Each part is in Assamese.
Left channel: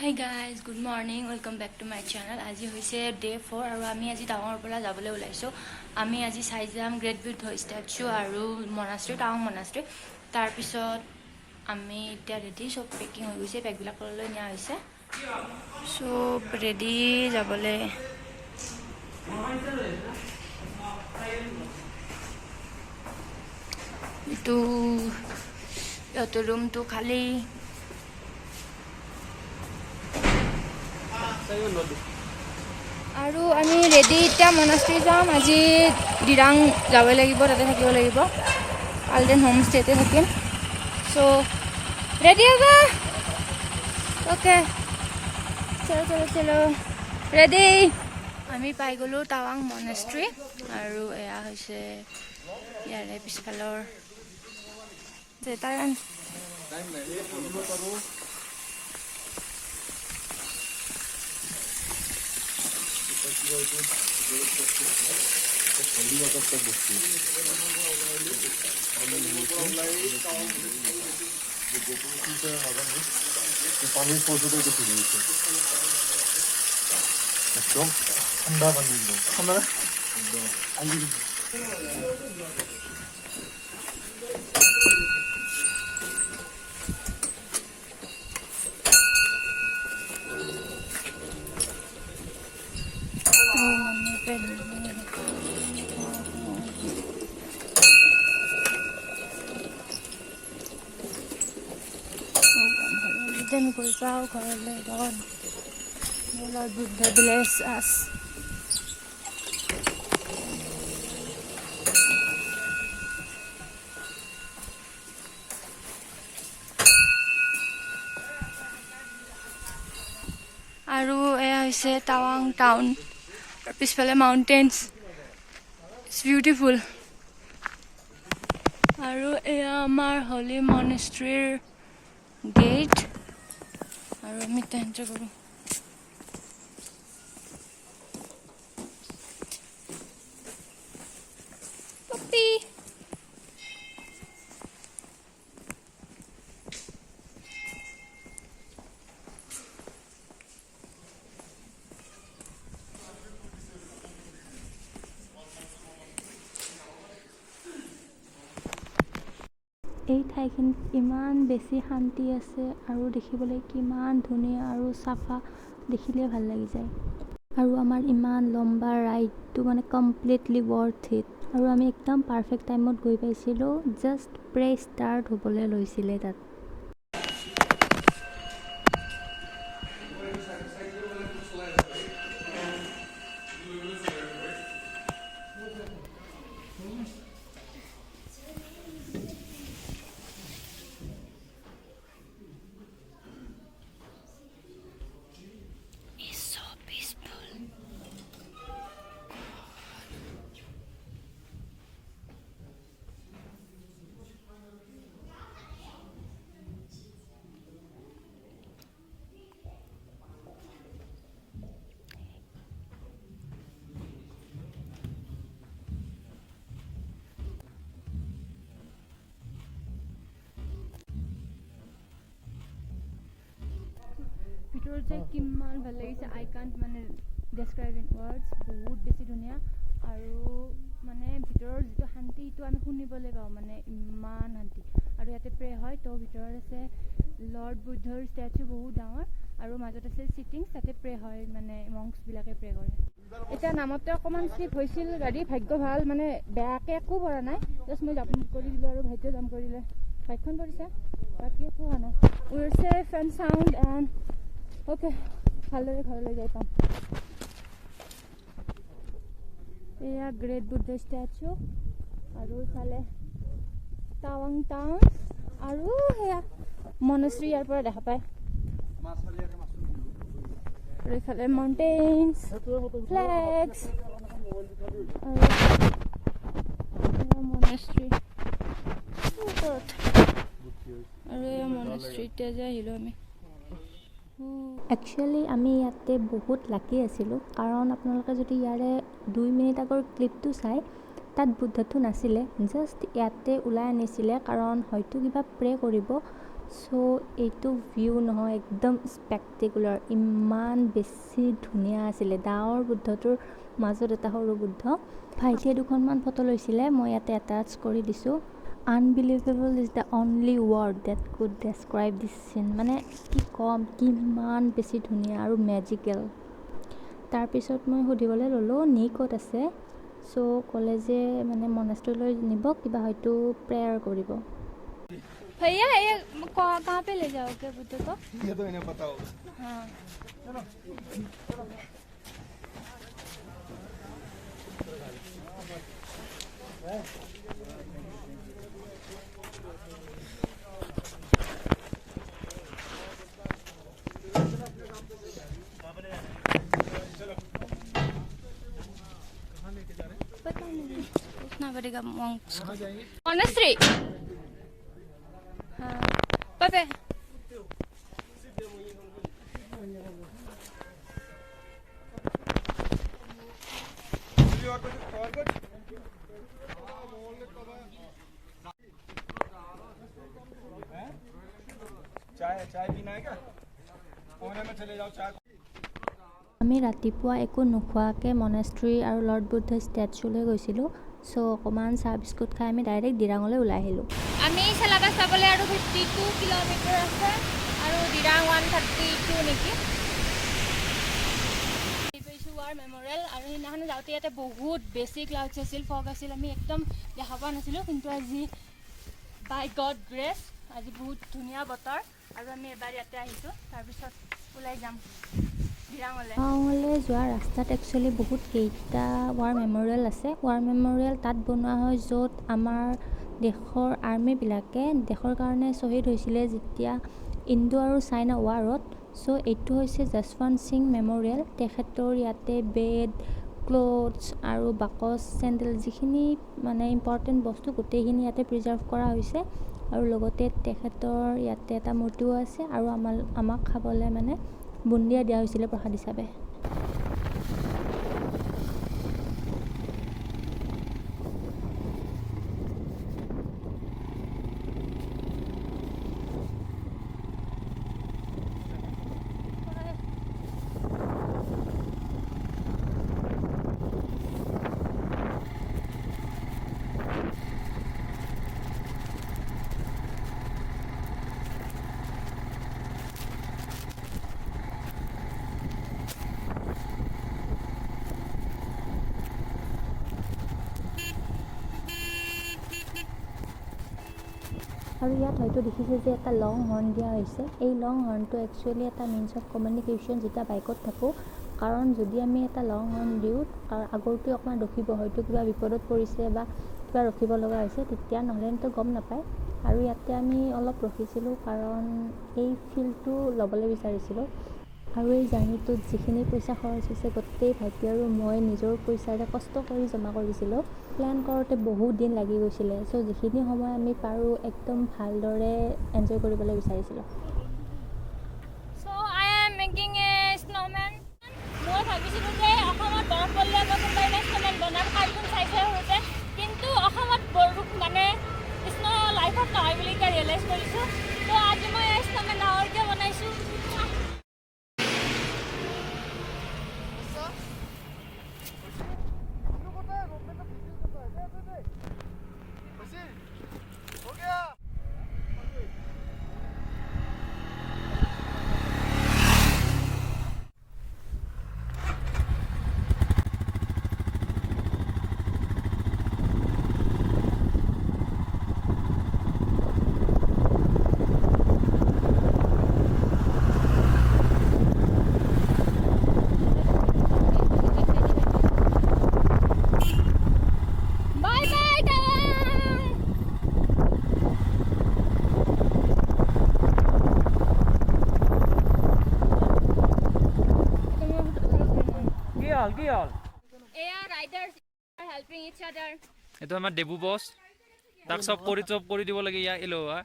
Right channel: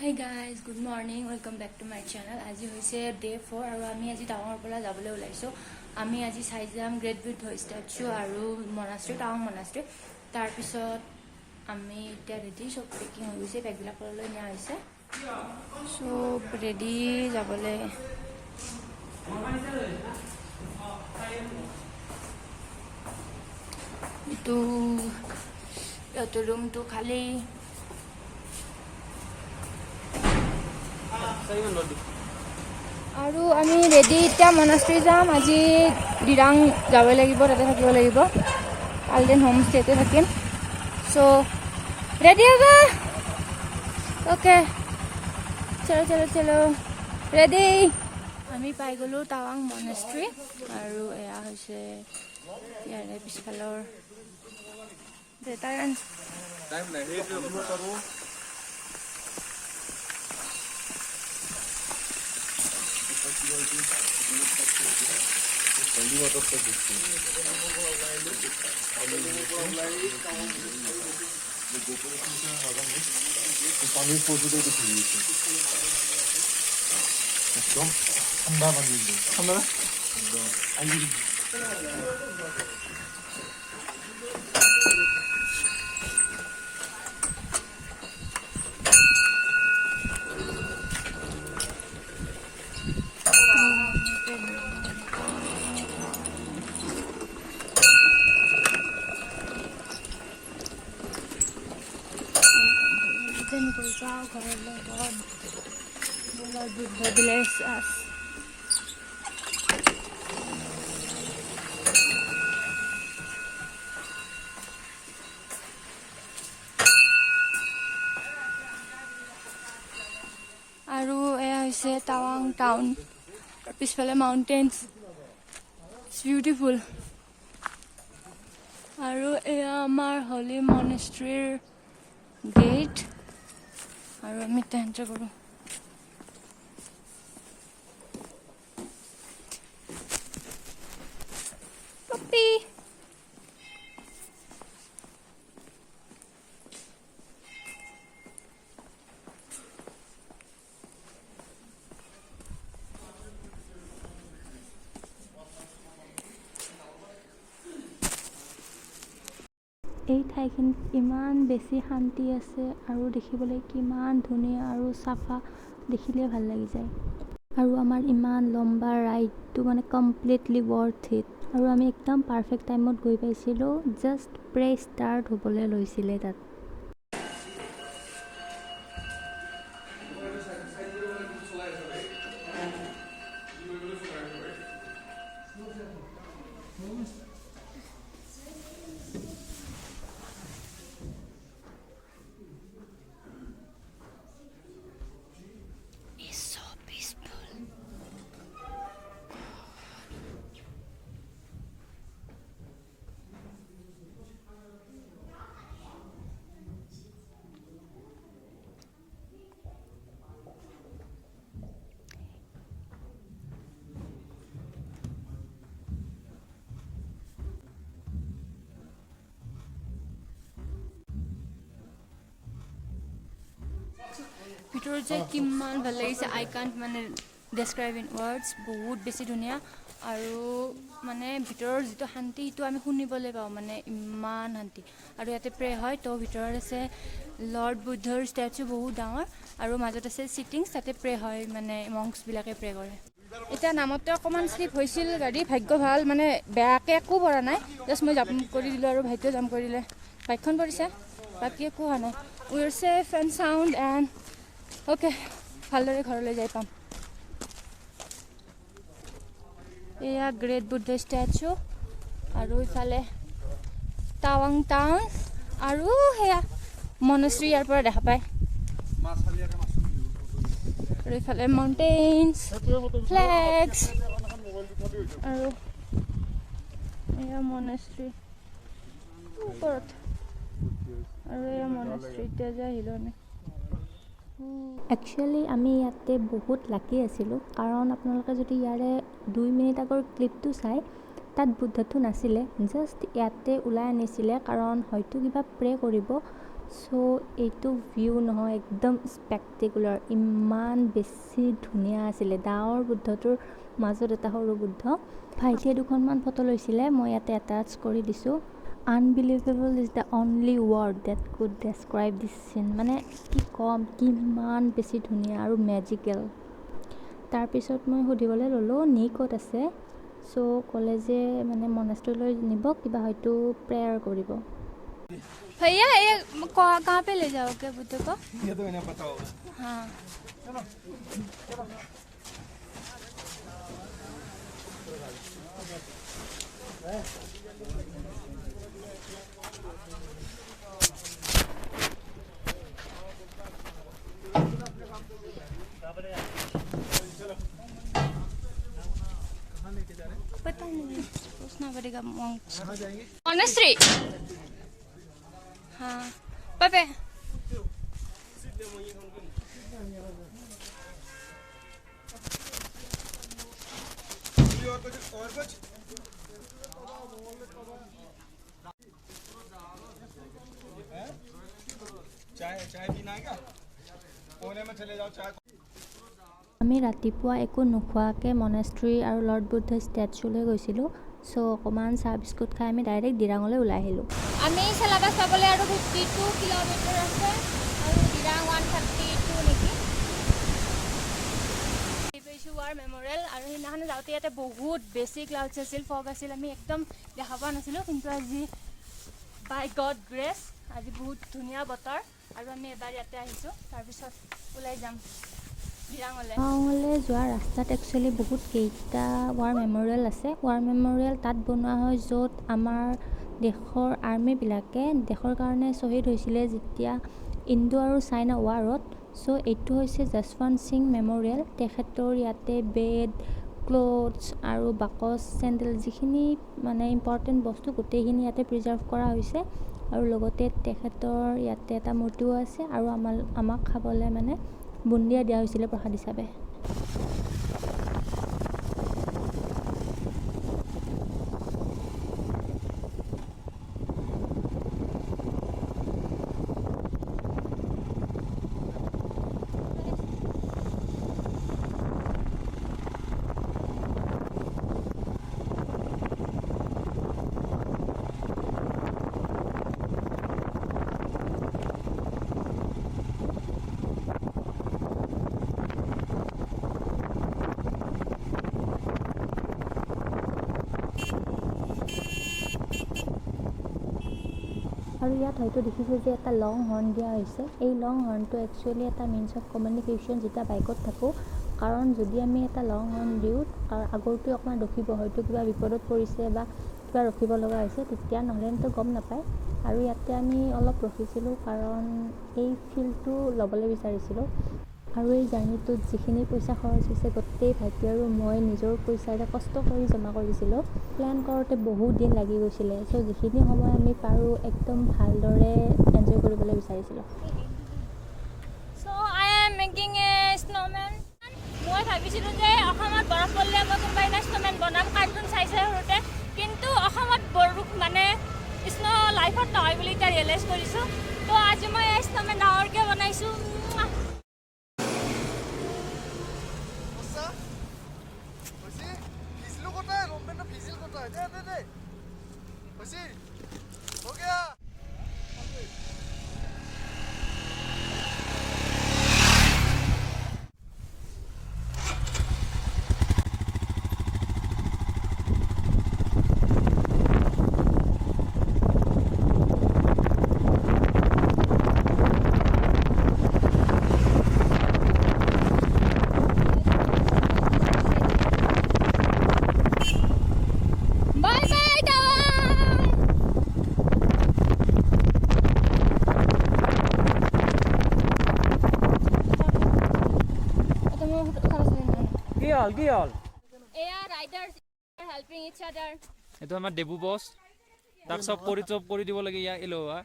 Hi guys, good morning. Welcome back to my channel. আজি হৈছে ডে 4 আৰু আমি আজি টাৱাঙৰ পৰা যাবলৈ ওলাইছো। আমি আজি চাই যাম গ্ৰেট বুদ্ধ ষ্টেচু আৰু monastery টাৱাং monastery। তাৰ পিছত আমি এতিয়া ৰেডি সব পেকিং হৈ গৈছে, বেগবিলাক লৈ নিয়া হৈছে। সব ৰেডি যাবলৈ। এইটো ৰুমটো খালি। আৰু আমি ৰেডি এতিয়া monastery যাম। আজি দিৰাং যাব লাগিব, তাতে থাকিব লাগিব। কালদেন হোম ষ্টেতে থাকিম। সো ৰেডি হ'ব। ওকে, চলো চলো চলো, ৰেডি। আমি পাই গলো টাৱাং monastery আৰু এয়া হৈছে ইয়াৰে পিছফালৰ জেটাৰান। Then goes out, God Buddha bless us. আৰু এয়া হৈছে টাৱাং টাউন, পিছফালে মাউণ্টেইনছ, ইটছ বিউটিফুল। আৰু এয়া আমাৰ হলি মনেষ্ট্ৰীৰ গেট, আৰু আমি এণ্টাৰ কৰোঁ। পপি এই ঠাইখিনিত ইমান বেছি শান্তি আছে আৰু দেখিবলৈ কিমান ধুনীয়া আৰু চাফা, দেখিলে ভাল লাগি যায়। আৰু আমাৰ ইমান লম্বা ৰাইডটো মানে কমপ্লিটলি ৱৰ্থ ইট। আৰু আমি একদম পাৰফেক্ট টাইমত গৈ পাইছিলোঁ, জাষ্ট প্ৰে ষ্টাৰ্ট হ'বলৈ লৈছিলে তাত। ভিতৰত যে কিমান ভাল লাগিছে, আই কাণ্ট মানে ডেছক্ৰাইব ইন ৱৰ্ডছ। বহুত বেছি ধুনীয়া, আৰু মানে ভিতৰৰ যিটো শান্তি সেইটো আমি শুনিবলৈ পাওঁ, মানে ইমান শান্তি। আৰু ইয়াতে প্ৰে হয়, তো ভিতৰত আছে লৰ্ড বুদ্ধৰ ষ্টেচু বহুত ডাঙৰ, আৰু মাজত আছে চিটিংছ, তাতে প্ৰে হয়, মানে মংছবিলাকে প্ৰে কৰে। এতিয়া নামতে অকণমান শ্লিপ হৈছিল গাড়ী, ভাগ্য ভাল, মানে বেয়াকৈ একো পৰা নাই। জাষ্ট মই জাম্প কৰি দিলোঁ আৰু ভাইটিও জাম্প কৰি দিলে, বাইকখন পৰিছে, বাকী একো হোৱা নাই। We are safe and sound and okay, ভালদৰে ঘৰলৈ যাই পাম। এয়া গ্ৰেট বুদ্ধ ষ্টেচু, আৰু ইফালে টাৱাং টাউন, আৰু সেয়া মনেষ্ট্ৰী ইয়াৰ পৰা দেখা পায়। আৰু ইফালে মাউণ্টেইনছ, ফ্লেগছ, আৰু এয়া মনেষ্ট্ৰী ওপৰত, আৰু এয়া মনেষ্ট্ৰী এতিয়া যে আহিলোঁ আমি। একচুৱেলি আমি ইয়াতে বহুত লাকি আছিলোঁ, কাৰণ আপোনালোকে যদি ইয়াৰে 2 মিনিট আগৰ ক্লিপটো চাই, তাত বুদ্ধটো নাছিলে, জাষ্ট ইয়াতে ওলাই আনিছিলে, কাৰণ হয়তো কিবা প্ৰে কৰিব, সো এইটো ভিউ নহয় একদম স্পেক্টেকুলাৰ, ইমান বেছি ধুনীয়া আছিলে। ডাঙৰ বুদ্ধটোৰ মাজত এটা সৰু বুদ্ধ। ভাইটিয়ে দুখনমান ফটো লৈছিলে, মই ইয়াতে এটাচ কৰি দিছোঁ। Unbelievable is the only word that could describe this scene. মানে কি ক'ম, কিমান বেছি ধুনীয়া আৰু মেজিকেল। তাৰপিছত মই সুধিবলৈ ল'লোঁ নি ক'ত আছে। চ' ক'লে যে মানে মনেষ্ট্ৰীলৈ নিব, কিবা হয়তো প্ৰেয়াৰ কৰিব। भैया ये कहाँ पे ले जाओगे बुद्ध को? ये तो इन्हें पता होगा। हाँ चलो पता नहीं, पूछना पड़ेगा monks को। कहाँ जाएंगे? monastery। हाँ पापे चाय पीना है क्या? कोने में चले जाओ चाय। আমি ৰাতিপুৱা একো নোখোৱাকৈ মনেষ্ট্ৰী আৰু লৰ্ড বুদ্ধ ষ্টেচুলৈ গৈছিলোঁ। চ' অকণমান চাহ বিস্কুট খাই আমি ডাইৰেক্ট দিৰাঙলৈ ওলাই আহিলোঁ। আমি চেলাবাছ পাবলৈ আৰু 52 কিলোমিটাৰ আছে আৰু দিৰাং 132 নেকি। পাইছোঁ ৱাৰ মেমৰিয়েল। আৰু সেইদিনাখন যাওঁতে ইয়াতে বহুত বেছি ক্লাউডছ আছিল, ফগ আছিল, আমি একদম দেখা পোৱা নাছিলোঁ। কিন্তু আজি বাই গড গ্ৰেছ আজি বহুত ধুনীয়া বতৰ আৰু আমি এবাৰ ইয়াতে আহিছোঁ। তাৰপিছত ওলাই যাম টাৱাঙলৈ যোৱা ৰাস্তাত একচুৱেলি বহুত কেইটা ৱাৰ মেমৰিয়েল আছে। ৱাৰ মেমৰিয়েল তাত বনোৱা হয় য'ত আমাৰ দেশৰ আৰ্মিবিলাকে দেশৰ কাৰণে শ্বহীদ হৈছিলে যেতিয়া ইণ্ডো আৰু চাইনা ৱাৰত। চ' এইটো হৈছে যশৱন্ত সিং মেমৰিয়েল। তেখেতৰ ইয়াতে বেড, ক্লথছ আৰু বাকচ, চেণ্ডেল যিখিনি মানে ইম্পৰ্টেণ্ট বস্তু গোটেইখিনি ইয়াতে প্ৰিজাৰ্ভ কৰা হৈছে। আৰু লগতে তেখেতৰ ইয়াতে এটা মূৰ্তিও আছে আৰু আমাক খাবলৈ মানে বুন্দিয়া দিয়া হৈছিলে প্ৰসাদ হিচাপে। আৰু ইয়াত হয়তো দেখিছে যে এটা লং হৰ্ণ দিয়া হৈছে। এই লং হৰ্ণটো একচুৱেলি এটা মিনছ অফ কমিউনিকেশ্যন যেতিয়া বাইকত থাকোঁ। কাৰণ যদি আমি এটা লং হৰ্ণ দিওঁ, আগৰটোৱে অকণমান ৰখিব, হয়তো কিবা বিপদত পৰিছে বা কিবা ৰখিব লগা হৈছে, তেতিয়া নহ'লেতো গম নাপায়। আৰু ইয়াতে আমি অলপ ৰখিছিলোঁ কাৰণ এই ফিলটো ল'বলৈ বিচাৰিছিলোঁ। আৰু এই জাৰ্ণিটোত যিখিনি পইচা খৰচ হৈছে গোটেই ভাইটি আৰু মই নিজৰ পইচাৰে কষ্ট কৰি জমা কৰিছিলোঁ। প্লেন কৰোঁতে বহুত দিন লাগি গৈছিলে। চ' যিখিনি সময় আমি পাৰোঁ একদম ভালদৰে এনজয় কৰিবলৈ বিচাৰিছিলোঁ। চ' I am making A snowmen. মই ভাবিছিলোঁ যে অসমত বৰফ পৰিলে মই কোনোবা এটা স্ন'মেন বনাম, কাৰ্টুন চাইছে সৰুতে। কিন্তু অসমত বৰফ মানে স্ন' লাইফত নহয় বুলি এতিয়া ৰিয়েলাইজ কৰিছোঁ। তো আজি মই স্ন'মেন ডাঙৰকৈ বনাইছোঁ। এইটো আমাৰ দেবু বছ, তাক চব কৰি দিব লাগে। ইয়াৰ এলোৱা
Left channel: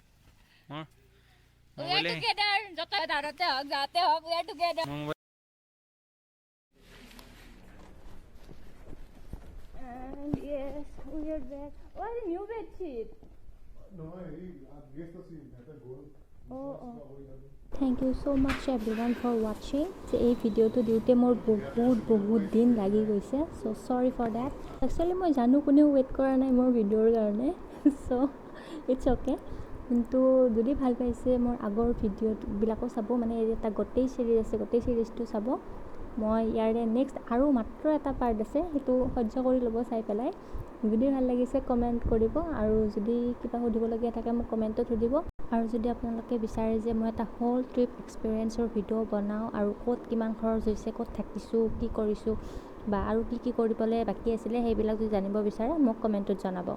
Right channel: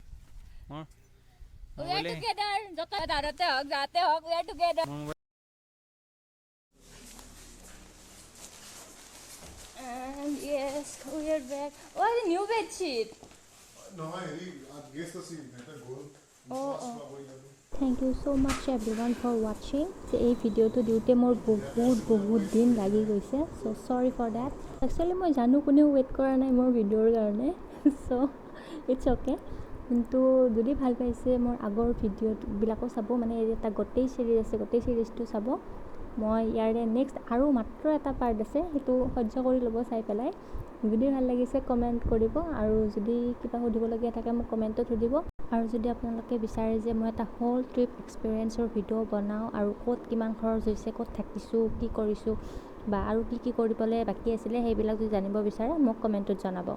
And yes, we are back. Oh, the new bed sheet. No, I guess the scene. That goal. Thank you so' much everyone for ৱাচিং। যে এই ভিডিঅ'টো দিওঁতে মোৰ বহুত দিন লাগি গৈছে, ছ' চৰি ফৰ ডেট। একচুৱেলি মই জানো কোনেও ৱেইট কৰা নাই মোৰ ভিডিঅ'ৰ কাৰণে, ছ' ইটছ অ'কে। কিন্তু যদি ভাল পাইছে মোৰ আগৰ ভিডিঅ'বিলাকো চাব, মানে এই এটা গোটেই চিৰিজ আছে, গোটেই চিৰিজটো চাব। মই ইয়াৰে নেক্সট আৰু মাত্ৰ এটা পাৰ্ট আছে, সেইটো সহ্য কৰি ল'ব চাই পেলাই। যদি ভাল লাগিছে কমেণ্ট কৰিব, আৰু যদি কিবা সুধিবলগীয়া থাকে মোক কমেণ্টত সুধিব। আৰু যদি আপোনালোকে বিচাৰে যে মই এটা হোল ট্ৰিপ এক্সপিৰিয়েঞ্চৰ ভিডিঅ' বনাওঁ, আৰু ক'ত কিমান খৰচ হৈছে, ক'ত থাকিছোঁ, কি কৰিছোঁ, বা আৰু কি কৰিবলৈ বাকী আছিলে, সেইবিলাক যদি জানিব বিচাৰে মোক কমেণ্টত জনাব।